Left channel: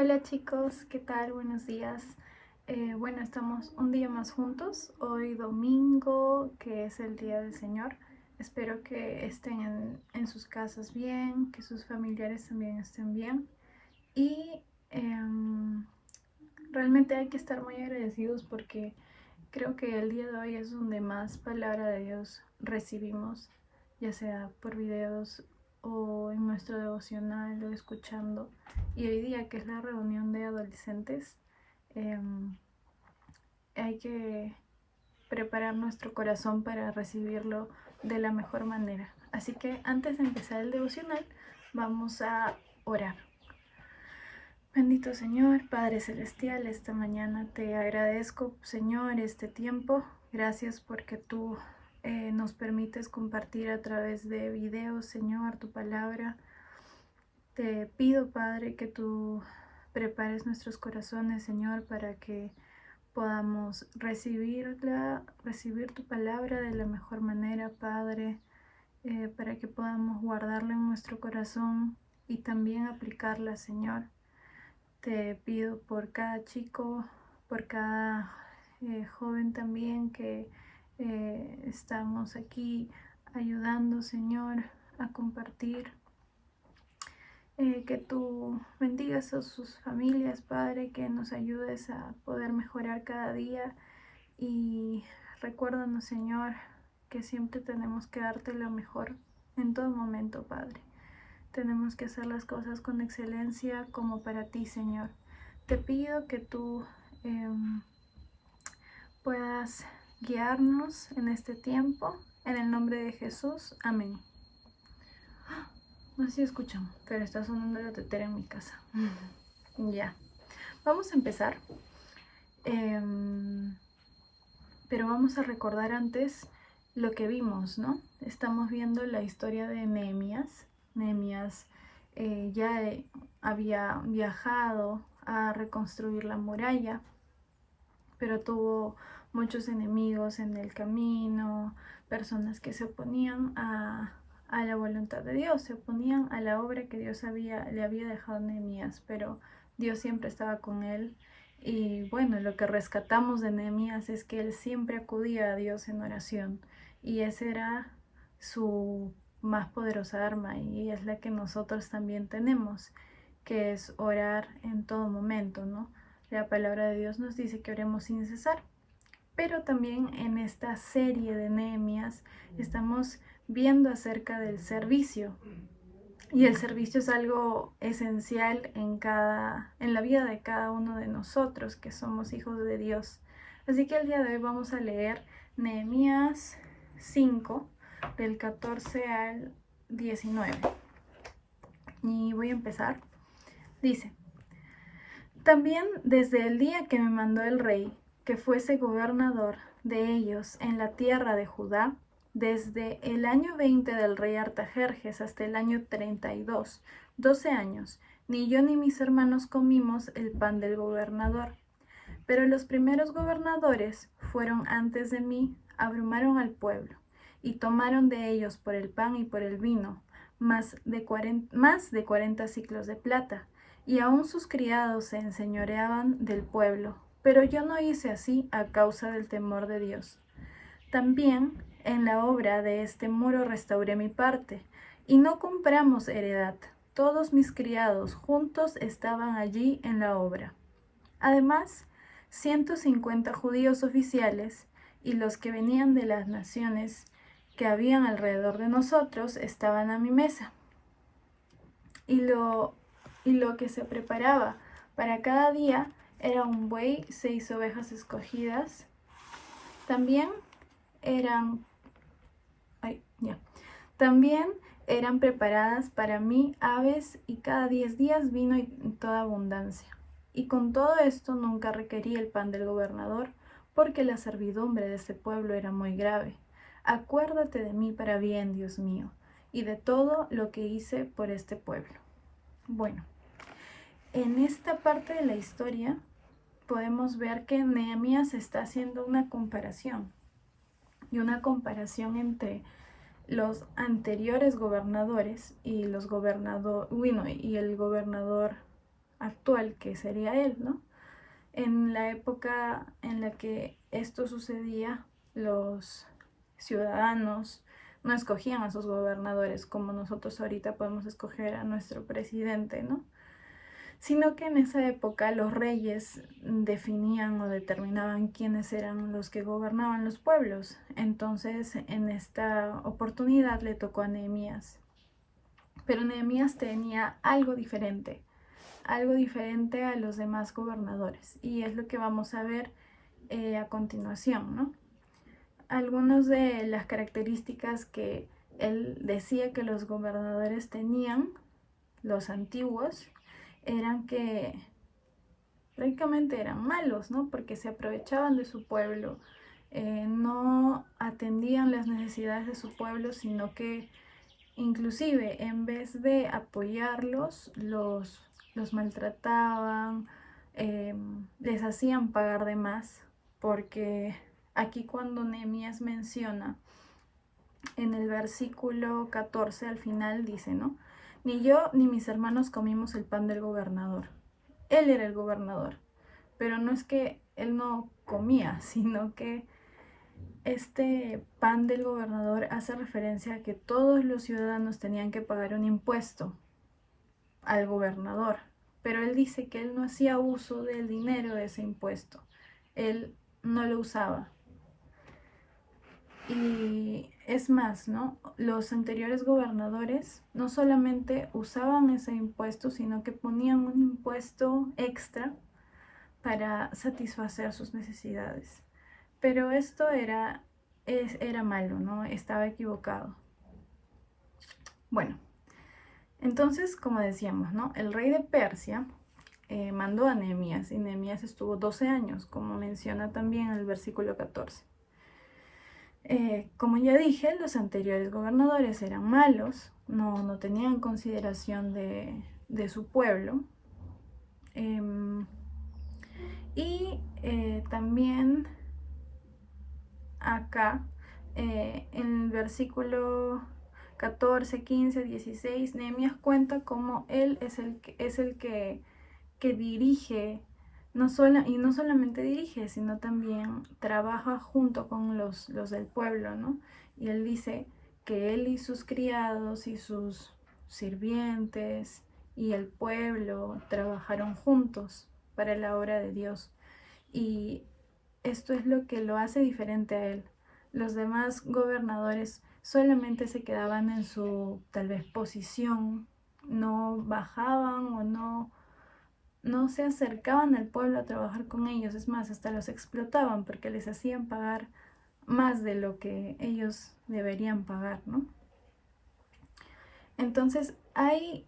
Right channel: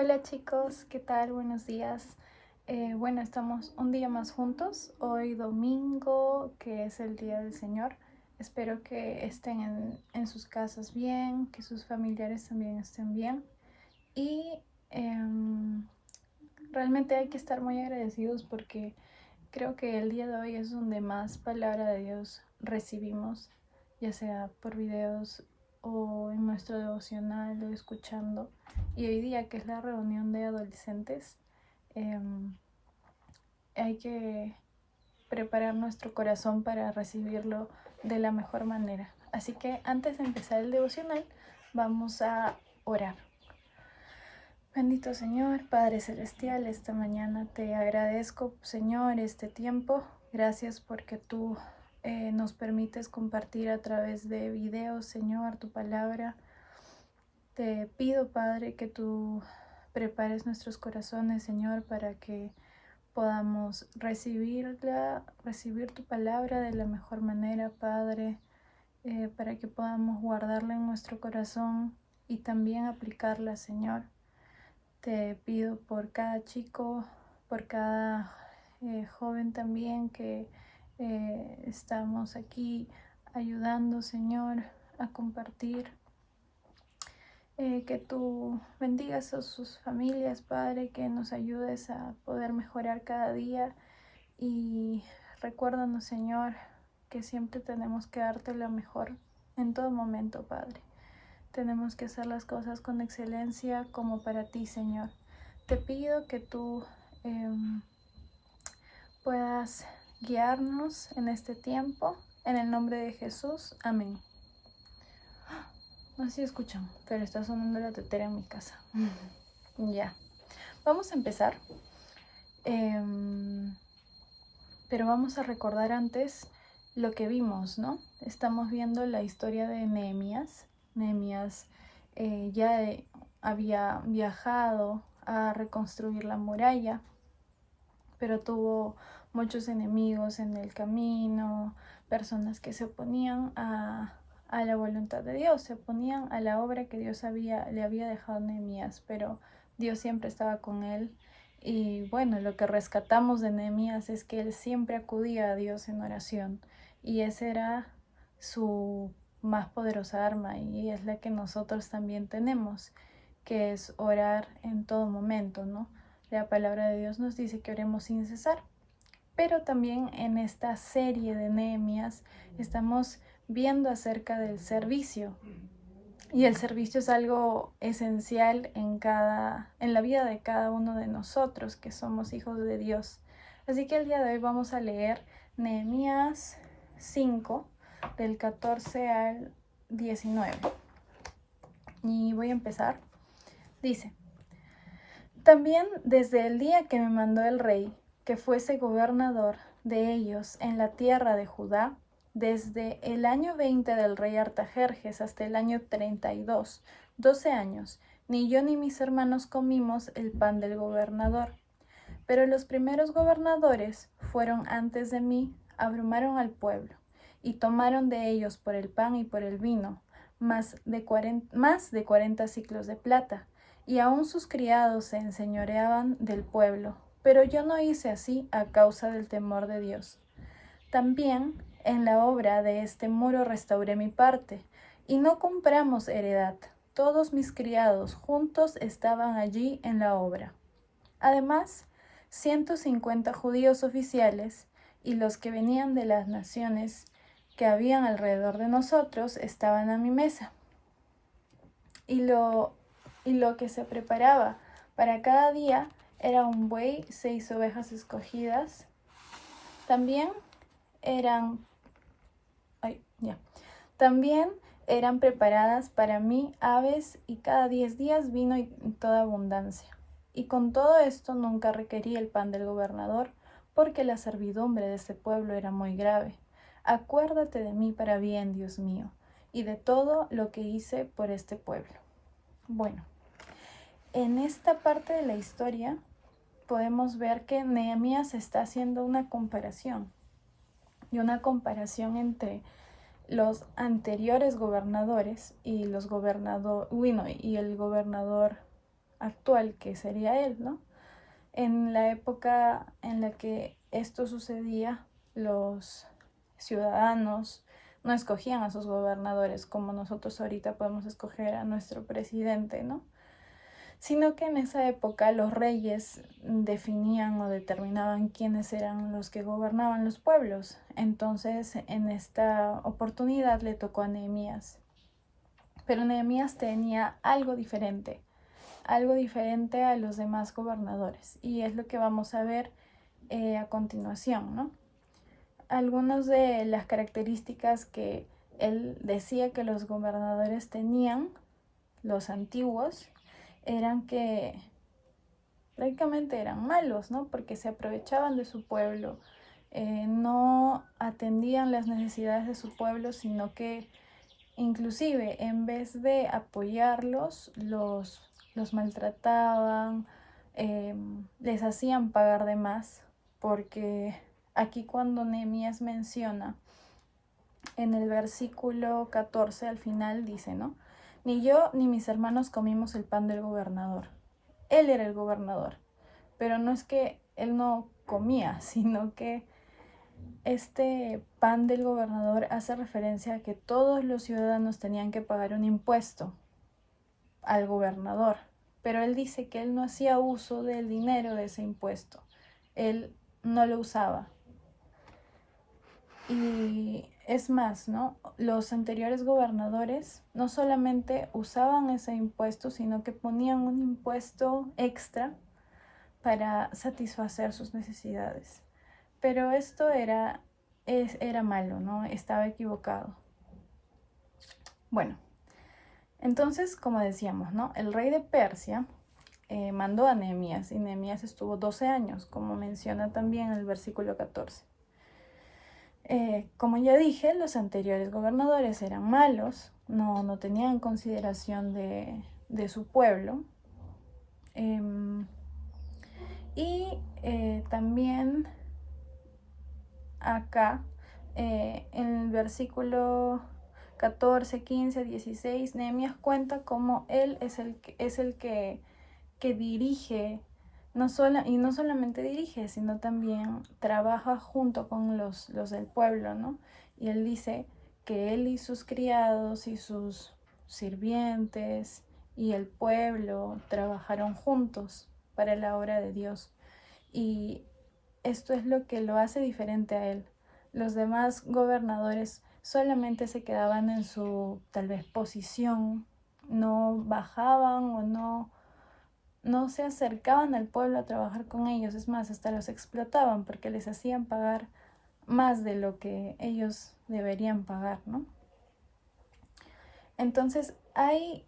Hola chicos, ¿qué tal? Buenos días. Bueno, estamos un día más juntos, hoy domingo, que es el Día del Señor. Espero que estén en sus casas bien, que sus familiares también estén bien. Y realmente hay que estar muy agradecidos porque creo que el día de hoy es donde más palabra de Dios recibimos, ya sea por videos o en nuestro devocional o escuchando. Y hoy día, que es la reunión de adolescentes, eh, hay que preparar nuestro corazón para recibirlo de la mejor manera. Así que antes de empezar el devocional, vamos a orar. Bendito Señor, Padre Celestial, esta mañana te agradezco, Señor, este tiempo. Gracias porque tú nos permites compartir a través de videos, Señor, tu palabra. Te pido, Padre, que tú prepares nuestros corazones, Señor, para que podamos recibir tu palabra de la mejor manera, Padre, para que podamos guardarla en nuestro corazón y también aplicarla, Señor. Te pido por cada chico, por cada joven también que estamos aquí ayudando, Señor, a compartir. Que tú bendigas a sus familias, Padre, que nos ayudes a poder mejorar cada día. Y recuérdanos, Señor, que siempre tenemos que darte lo mejor en todo momento, Padre. Tenemos que hacer las cosas con excelencia como para ti, Señor. Te pido que tú puedas guiarnos en este tiempo. En el nombre de Jesús. Amén. No sé si escuchan, pero está sonando la tetera en mi casa. Ya. Vamos a empezar. Pero vamos a recordar antes lo que vimos, ¿no? Estamos viendo la historia de Nehemías. Nehemías ya había viajado a reconstruir la muralla, pero tuvo muchos enemigos en el camino, personas que se oponían a la voluntad de Dios, se oponían a la obra que Dios le había dejado a Nehemías, pero Dios siempre estaba con él. Y bueno, lo que rescatamos de Nehemías es que él siempre acudía a Dios en oración, y esa era su más poderosa arma, y es la que nosotros también tenemos, que es orar en todo momento, ¿no? La palabra de Dios nos dice que oremos sin cesar. Pero también en esta serie de Nehemías estamos viendo acerca del servicio. Y el servicio es algo esencial en la vida de cada uno de nosotros que somos hijos de Dios. Así que el día de hoy vamos a leer Nehemías 5, del 14 al 19. Y voy a empezar. Dice: También desde el día que me mandó el rey que fuese gobernador de ellos en la tierra de Judá, desde el año 20 del rey Artajerjes hasta el año 32, 12 años, ni yo ni mis hermanos comimos el pan del gobernador. Pero los primeros gobernadores fueron antes de mí, abrumaron al pueblo, y tomaron de ellos por el pan y por el vino más de 40 siclos de plata, y aun sus criados se enseñoreaban del pueblo. Pero yo no hice así a causa del temor de Dios. También en la obra de este muro restauré mi parte, y no compramos heredad. Todos mis criados juntos estaban allí en la obra. Además, 150 judíos oficiales y los que venían de las naciones que habían alrededor de nosotros estaban a mi mesa. Y lo que se preparaba para cada día era un buey, 6 ovejas escogidas. También eran preparadas para mí aves, y cada 10 días vino en toda abundancia. Y con todo esto nunca requerí el pan del gobernador, porque la servidumbre de ese pueblo era muy grave. Acuérdate de mí para bien, Dios mío, y de todo lo que hice por este pueblo. Bueno, en esta parte de la historia podemos ver que Nehemías está haciendo una comparación, y una comparación entre los anteriores gobernadores y el gobernador actual, que sería él, ¿no? En la época en la que esto sucedía, los ciudadanos no escogían a sus gobernadores como nosotros ahorita podemos escoger a nuestro presidente, ¿no? Sino que en esa época los reyes definían o determinaban quiénes eran los que gobernaban los pueblos. Entonces, en esta oportunidad le tocó a Nehemías. Pero Nehemías tenía algo diferente a los demás gobernadores, y es lo que vamos a ver a continuación, ¿no? Algunas de las características que él decía que los gobernadores tenían, los antiguos, eran que prácticamente eran malos, ¿no? Porque se aprovechaban de su pueblo, no atendían las necesidades de su pueblo, sino que inclusive en vez de apoyarlos, los maltrataban, les hacían pagar de más, porque aquí cuando Nehemías menciona en el versículo 14 al final dice, ¿no? Ni yo ni mis hermanos comimos el pan del gobernador. Él era el gobernador, pero no es que él no comía, sino que este pan del gobernador hace referencia a que todos los ciudadanos tenían que pagar un impuesto al gobernador, pero él dice que él no hacía uso del dinero de ese impuesto, él no lo usaba. Y es más, ¿no? Los anteriores gobernadores no solamente usaban ese impuesto, sino que ponían un impuesto extra para satisfacer sus necesidades. Pero esto era malo, ¿no? Estaba equivocado. Bueno, entonces, como decíamos, ¿no? El rey de Persia mandó a Nehemías, y Nehemías estuvo 12 años, como menciona también el versículo 14. Como ya dije, los anteriores gobernadores eran malos, no tenían consideración de su pueblo. Y también acá, en el versículo 14, 15, 16, Nehemías cuenta cómo él es el que dirige, no solamente dirige, sino también trabaja junto con los del pueblo, ¿no? Y él dice que él y sus criados y sus sirvientes y el pueblo trabajaron juntos para la obra de Dios. Y esto es lo que lo hace diferente a él. Los demás gobernadores solamente se quedaban en su tal vez posición, no bajaban o no se acercaban al pueblo a trabajar con ellos. Es más, hasta los explotaban porque les hacían pagar más de lo que ellos deberían pagar, ¿no? Entonces hay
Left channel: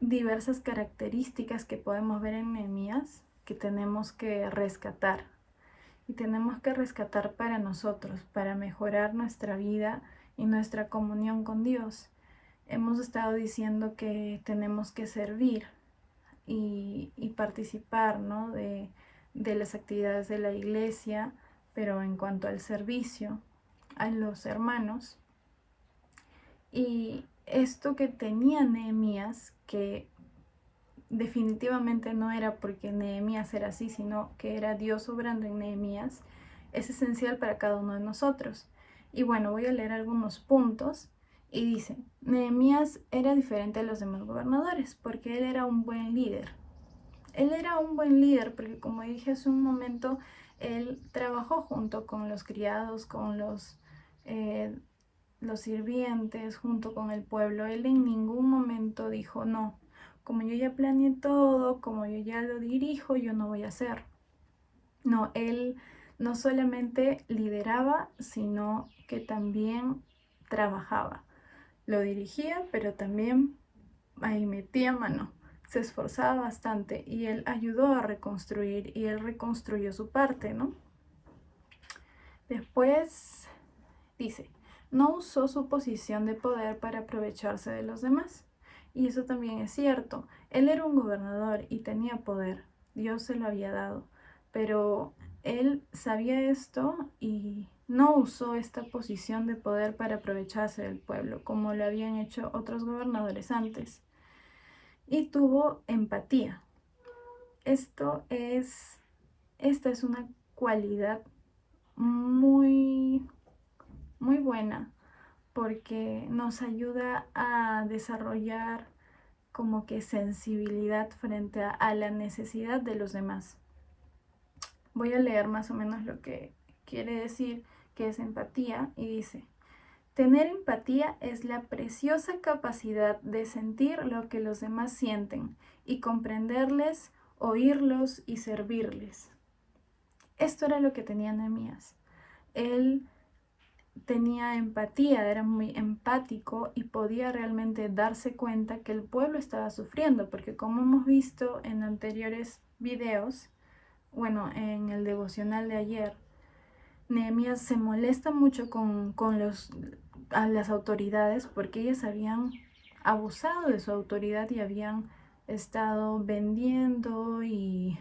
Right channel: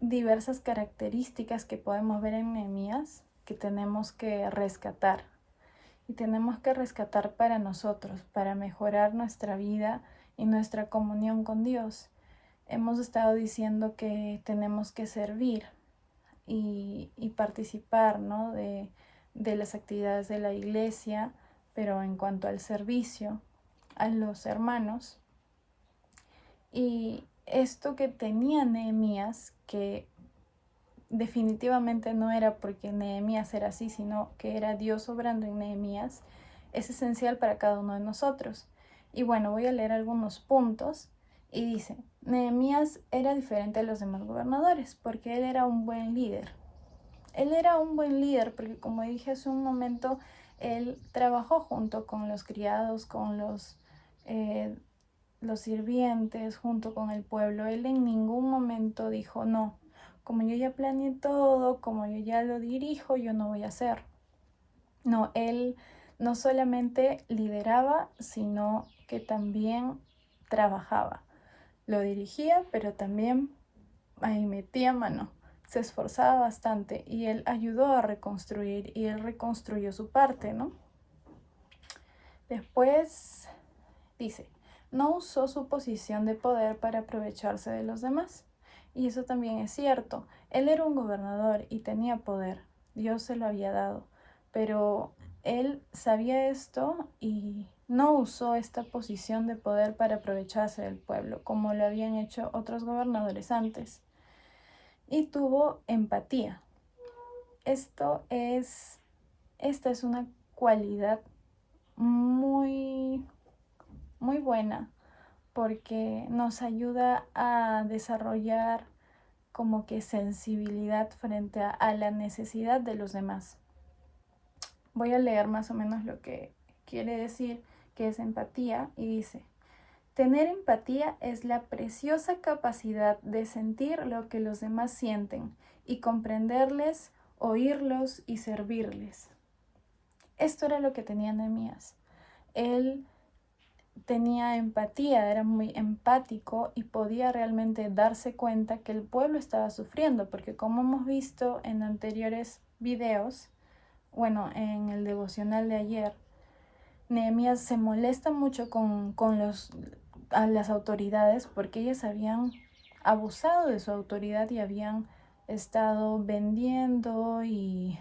diversas características que podemos ver en Nehemías que tenemos que rescatar. Y tenemos que rescatar para nosotros, para mejorar nuestra vida y nuestra comunión con Dios. Hemos estado diciendo que tenemos que servir y participar, ¿no? de las actividades de la iglesia, pero en cuanto al servicio a los hermanos. Y esto que tenía Nehemías, que definitivamente no era porque Nehemías era así, sino que era Dios obrando en Nehemías, es esencial para cada uno de nosotros. Y bueno, voy a leer algunos puntos. Y dice, Nehemías era diferente a los demás gobernadores porque él era un buen líder. Él era un buen líder porque, como dije hace un momento, él trabajó junto con los criados, con los sirvientes, junto con el pueblo. Él en ningún momento dijo, no, como yo ya planeé todo, como yo ya lo dirijo, yo no voy a hacer. No, él no solamente lideraba, sino que también trabajaba. Lo dirigía, pero también ahí metía mano. Se esforzaba bastante y él ayudó a reconstruir y él reconstruyó su parte, ¿no? Después dice, no usó su posición de poder para aprovecharse de los demás. Y eso también es cierto. Él era un gobernador y tenía poder. Dios se lo había dado. Pero él sabía esto y no usó esta posición de poder para aprovecharse del pueblo, como lo habían hecho otros gobernadores antes. y tuvo empatía. Esta es una cualidad muy, muy buena porque nos ayuda a desarrollar como que sensibilidad frente a la necesidad de los demás. Voy a leer más o menos lo que quiere decir que es empatía y dice: tener empatía es la preciosa capacidad de sentir lo que los demás sienten y comprenderles, oírlos y servirles. Esto era lo que tenía Nehemías. Él tenía empatía, era muy empático y podía realmente darse cuenta que el pueblo estaba sufriendo, porque como hemos visto en anteriores videos, bueno, en el devocional de ayer, Nehemías se molesta mucho con las autoridades porque ellas habían abusado de su autoridad y habían estado vendiendo y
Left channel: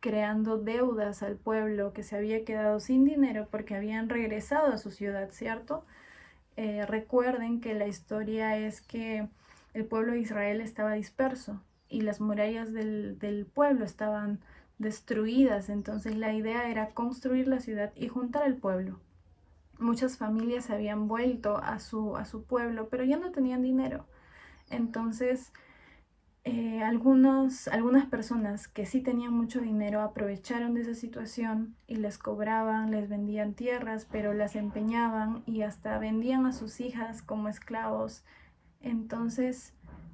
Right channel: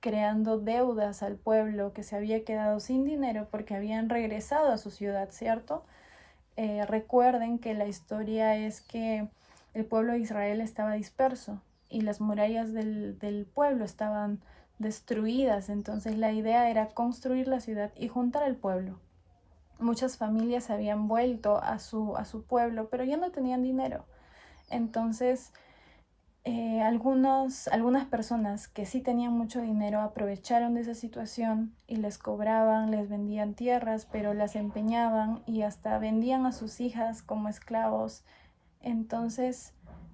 creando deudas al pueblo que se había quedado sin dinero porque habían regresado a su ciudad, ¿cierto? Recuerden que la historia es que el pueblo de Israel estaba disperso y las murallas del pueblo estaban destruidas, entonces la idea era construir la ciudad y juntar al pueblo. Muchas familias habían vuelto a su pueblo, pero ya no tenían dinero. Entonces, algunas personas que sí tenían mucho dinero aprovecharon de esa situación y les cobraban, les vendían tierras, pero las empeñaban y hasta vendían a sus hijas como esclavos. Entonces,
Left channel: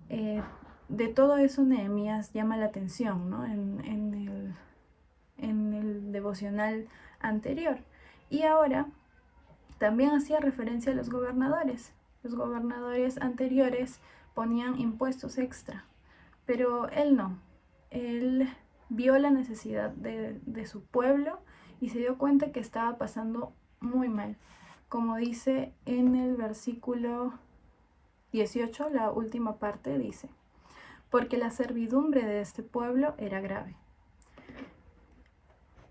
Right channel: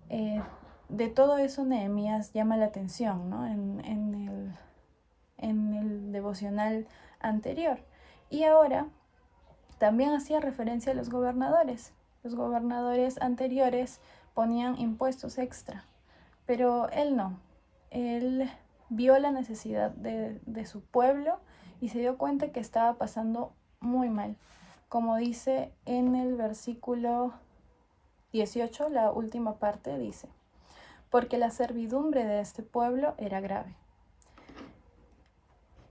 de todo eso Nehemías llama la atención, ¿no? En el devocional anterior. Y ahora también hacía referencia a los gobernadores. Los gobernadores anteriores ponían impuestos extra, pero él no. Él vio la necesidad de su pueblo y se dio cuenta que estaba pasando muy mal. Como dice en el versículo 18, la última parte dice: porque la servidumbre de este pueblo era grave.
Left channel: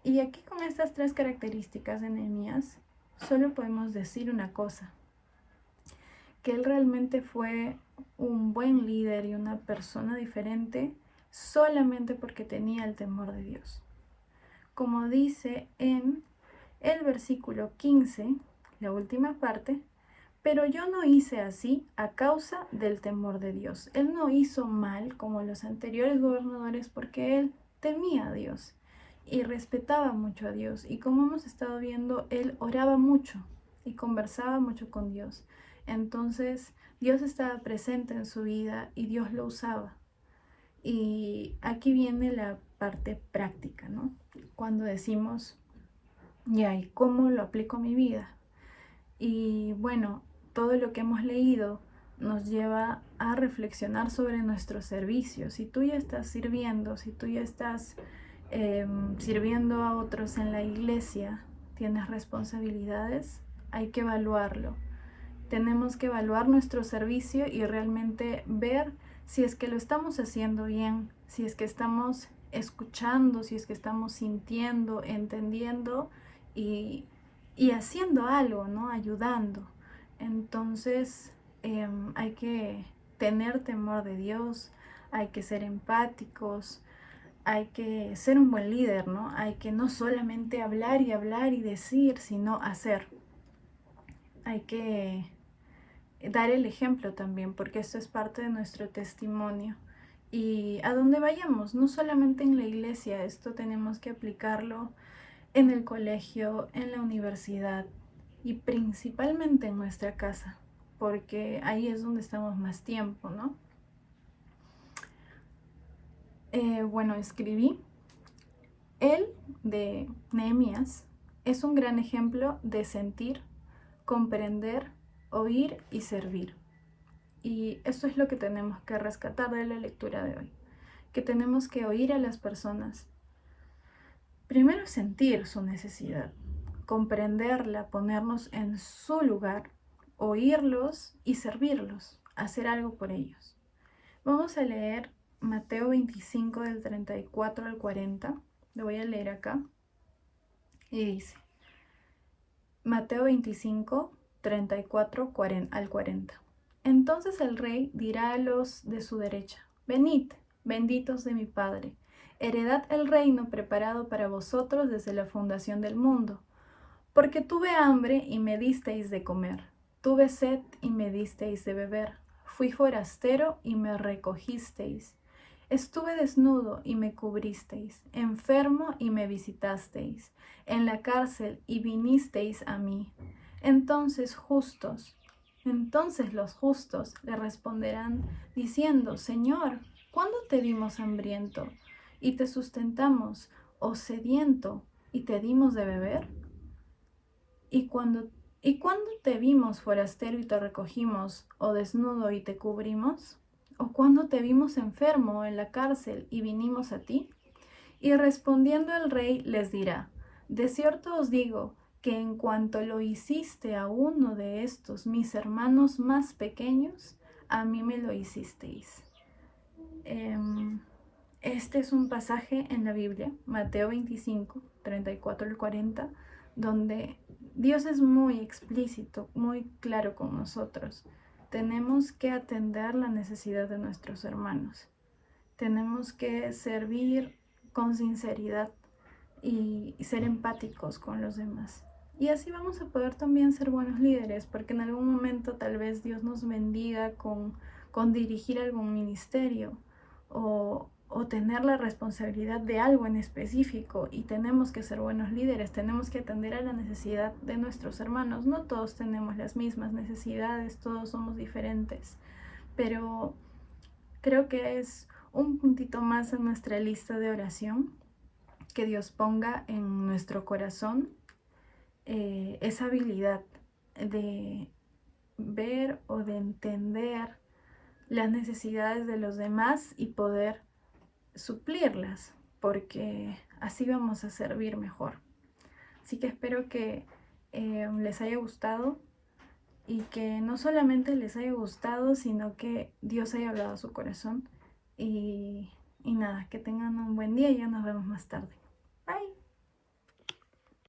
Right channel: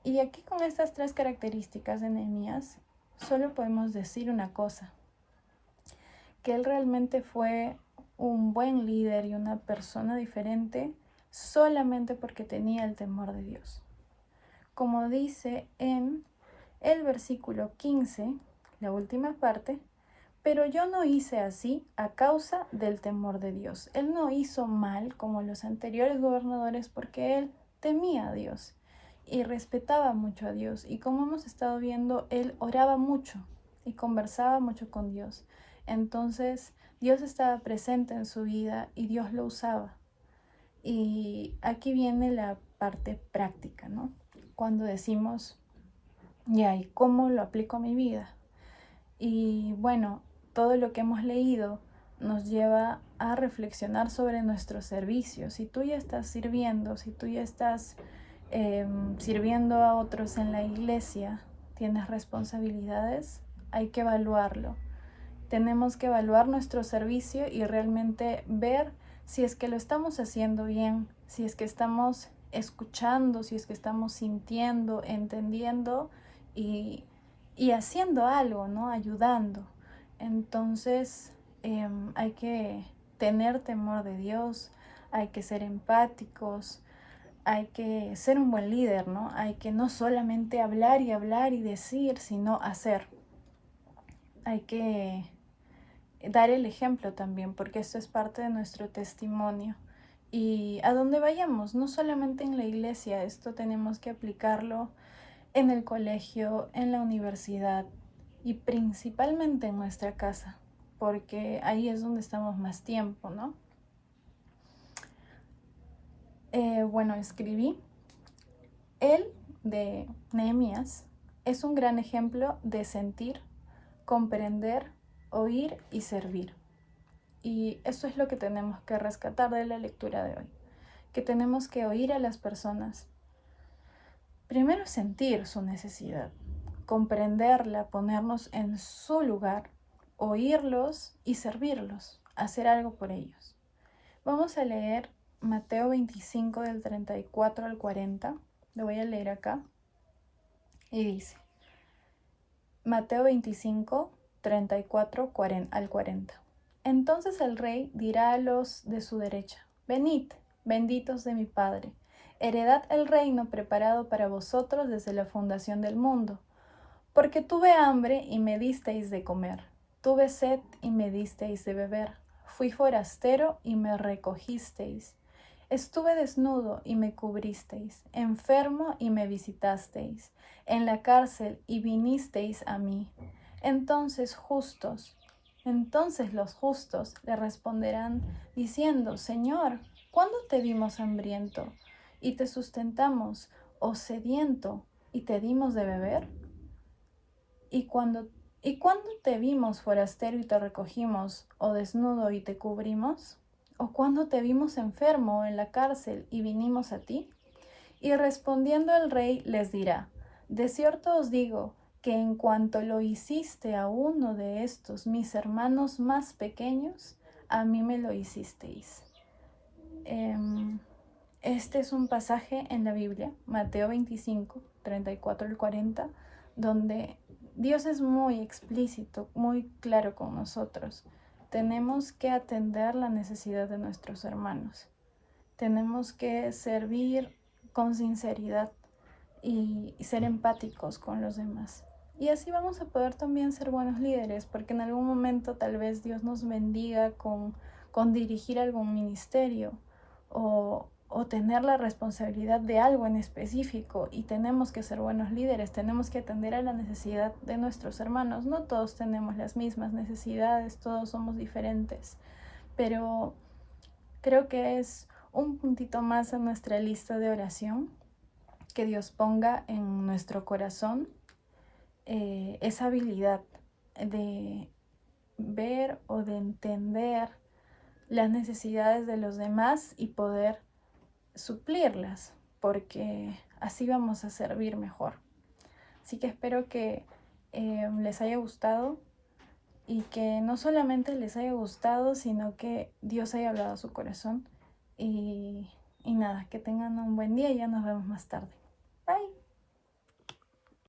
Y aquí con estas tres características de Nehemías, solo podemos decir una cosa: que él realmente fue un buen líder y una persona diferente solamente porque tenía el temor de Dios. Como dice en el versículo 15, la última parte: pero yo no hice así a causa del temor de Dios. Él no hizo mal como los anteriores gobernadores porque él temía a Dios y respetaba mucho a Dios. Y como hemos estado viendo, él oraba mucho y conversaba mucho con Dios. Entonces, Dios estaba presente en su vida y Dios lo usaba. Y aquí viene la parte práctica, ¿no? Cuando decimos, ya, ¿y cómo lo aplico a mi vida? Y bueno, todo lo que hemos leído nos lleva a reflexionar sobre nuestro servicio. Si tú ya estás sirviendo, si tú ya estás sirviendo a otros en la iglesia, tienes responsabilidades, hay que evaluarlo. Tenemos que evaluar nuestro servicio y realmente ver si es que lo estamos haciendo bien, si es que estamos escuchando, si es que estamos sintiendo, entendiendo y haciendo algo, ¿no? Ayudando. Entonces, hay que tener temor de Dios, hay que ser empáticos, hay que ser un buen líder, ¿no? Hay que no solamente hablar y decir, sino hacer. Hay que dar el ejemplo también, porque esto es parte de nuestro testimonio. Y a donde vayamos, no solamente en la iglesia, esto tenemos que aplicarlo en el colegio, en la universidad y principalmente en nuestra casa, porque ahí es donde estamos más tiempo, ¿no? Bueno, escribí. Él, de Nehemías, es un gran ejemplo de sentir, comprender, oír y servir. Y eso es lo que tenemos que rescatar de la lectura de hoy, que tenemos que oír a las personas. Primero, sentir su necesidad, comprenderla, ponernos en su lugar, oírlos y servirlos, hacer algo por ellos. Vamos a leer Mateo 25 del 34 al 40. Lo voy a leer acá. Y dice, Mateo 25, 34 al 40. Entonces el rey dirá a los de su derecha: Venid, benditos de mi Padre, heredad el reino preparado para vosotros desde la fundación del mundo. Porque tuve hambre y me disteis de comer, tuve sed y me disteis de beber, fui forastero y me recogisteis, estuve desnudo y me cubristeis, enfermo y me visitasteis, en la cárcel y vinisteis a mí. Entonces los justos le responderán diciendo, Señor, ¿cuándo te vimos hambriento y te sustentamos, o sediento y te dimos de beber? ¿Y cuándo te vimos forastero y te recogimos, o desnudo y te cubrimos? ¿O cuándo te vimos enfermo o en la cárcel y vinimos a ti? Y respondiendo el rey les dirá, de cierto os digo que en cuanto lo hiciste a uno de estos mis hermanos más pequeños, a mí me lo hicisteis. Este es un pasaje en la Biblia, Mateo 25, 34 al 40, donde Dios es muy explícito, muy claro con nosotros. Tenemos que atender la necesidad de nuestros hermanos. Tenemos que servir con sinceridad y ser empáticos con los demás. Y así vamos a poder también ser buenos líderes, porque en algún momento tal vez Dios nos bendiga con dirigir algún ministerio o tener la responsabilidad de algo en específico, y tenemos que ser buenos líderes, tenemos que atender a la necesidad de nuestros hermanos. No todos tenemos las mismas necesidades, todos somos diferentes, pero creo que es un puntito más en nuestra lista de oración, que Dios ponga en nuestro corazón esa habilidad de ver o de entender las necesidades de los demás y poder suplirlas, porque así vamos a servir mejor. Así que espero que les haya gustado, y que no solamente les haya gustado, sino que Dios haya hablado a su corazón. Y nada, que tengan un buen día y ya nos vemos más tarde.